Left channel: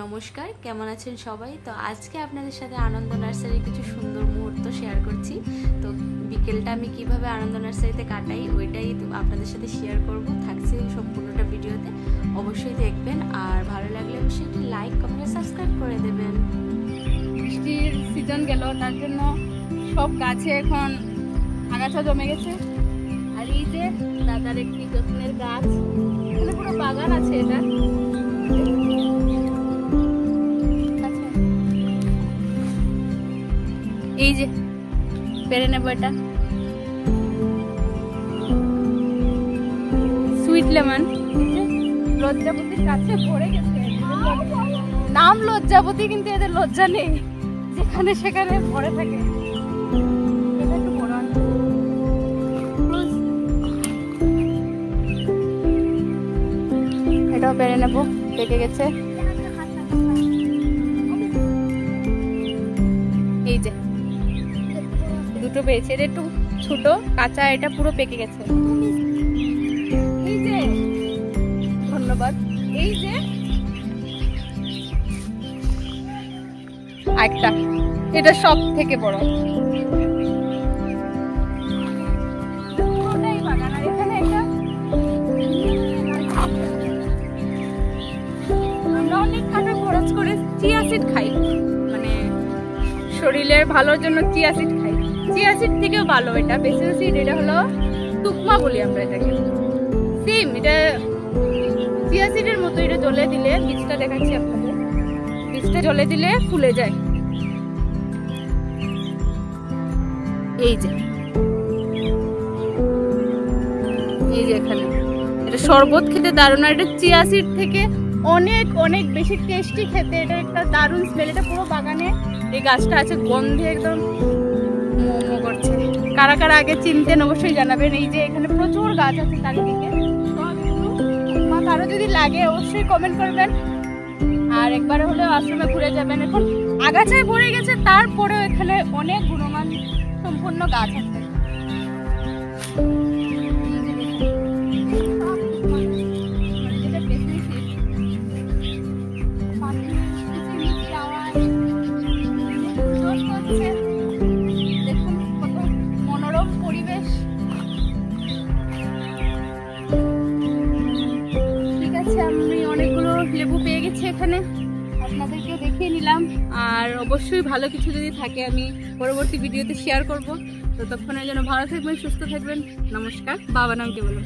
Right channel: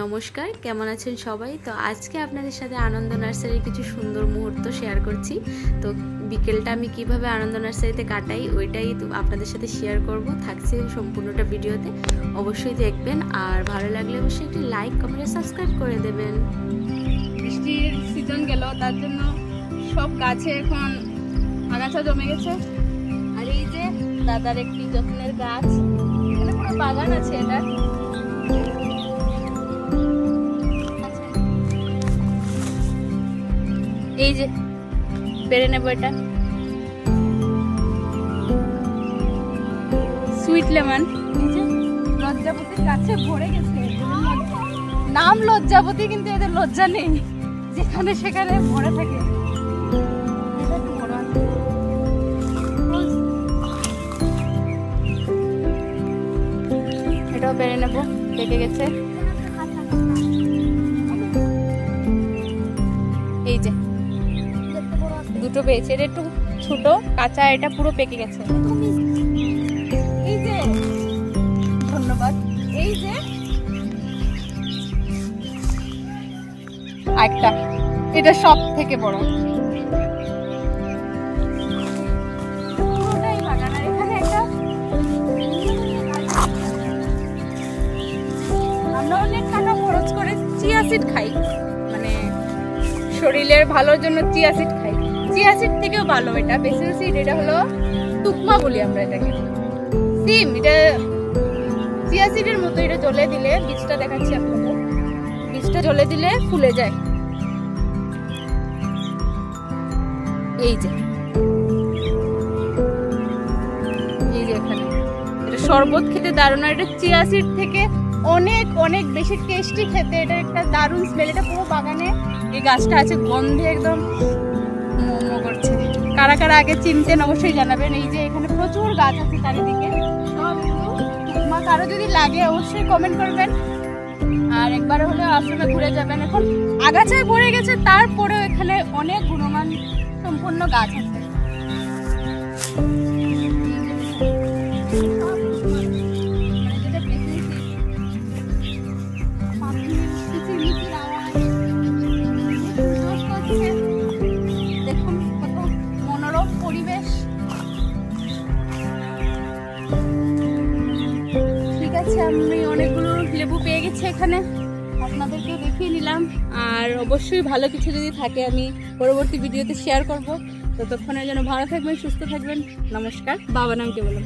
নমস্কার, কেমন আছেন সবাই? তো আজকে আপনাদের সাথে আনন্দ নার্সারির কিছু সুন্দর মুহূর্ত শেয়ার করছি। তো বিকেলটা আমি কিভাবে আনন্দ নার্সারিতে কাটাই ওইটাই তো আপনাদের সাথে শেয়ার করব। থাকছে সম্পূর্ণটা ভিডিওতে, অবশ্যই দেখবেন। আর ভালো লাগলে অবশ্যই একটি লাইক, কমেন্ট, সাবস্ক্রাইব করে দেবেন। বৃষ্টির সিজন গেল, তার জন্য সব গাছে এখন আগাছা জমে গেছে। আর এই যে দাদার একটি যত্নের গাছ, এখানে পুরো বাগান আছে। এটা এই যে পেরে নেবো, এটা সুইট লেমন। লজ্জাবতীর কাছে ভরে গেছে, নাম লজ্জাবতী, কিন্তু এদের লজ্জা নেই, যেখানে সেখানে ভরে থাকে। এটা একটু বড় আছে, এটাও পেরে নেবো, পেকে গেছে। এই যে দুটো পেয়েছে, এটা একটু ছোট কাঁচা, এটা পুরো পেকে গেছে। এই যে ধন্যবাদ। এই যে একটা, এটা সব থেকে বড়। পুরোটাই বাগান। আর এখানে একটা, আমরা অনেক টাকা খরচ করে চিয়া সিড খাই, মানে শরীরের ভালোর জন্য চিয়া সিড খাই। চিয়া সিড থেকেও ভালো এটা বেসিল সিড। এটা হলো তুকমা বলি আমরা এটাকে। সিম, এটা চিয়া সিডের মতো। এটা জলে দিলে, বীজটা দেখাচ্ছি আপনাদের, বীজটা জলে দিলে ফুলে যায়। এই যে এখানে এটা শরবত খেতে দারুণ। এটা চিয়া সিড থেকে অনেক অনেক বেশি টেস্টি খেতে। এটা একটা দারুণ স্মেল। এটা পুরো বাগানে এই গাছটা আছে, গন্ধে একদম মোমো করছে। কারা কারা আগে চিনতেন অবশ্যই জানাবেন। এই যে এখানে প্রচুর গাছ আছে চারিদিকে, সবগুলো তুকমা। কারো যদি লাগে অবশ্যই কমেন্ট করবেন, আর একবার হলেও আশ্রমে ঘুরে যাবেন। এখন আগাছায় ভরে গেছে, তারপরেও এখানে অনেক গুণমান সম্পূর্ণ গাছ আছে। দেখুন কত মনোরম পরিবেশ। ঠিক আছে, আমি অনেকগুলো লেবু পেয়ে গেছি এখানে, আপনাদেরকেও দেখিয়ে নিলাম। আর অবশ্যই ভালো কিছু যদি থাকে আমি পরবর্তী ভিডিওতে শেয়ার করব। ততক্ষণের জন্য ভালো থাকবেন, সুস্থ থাকবেন। নমস্কার। বাবা নামকে বলুন।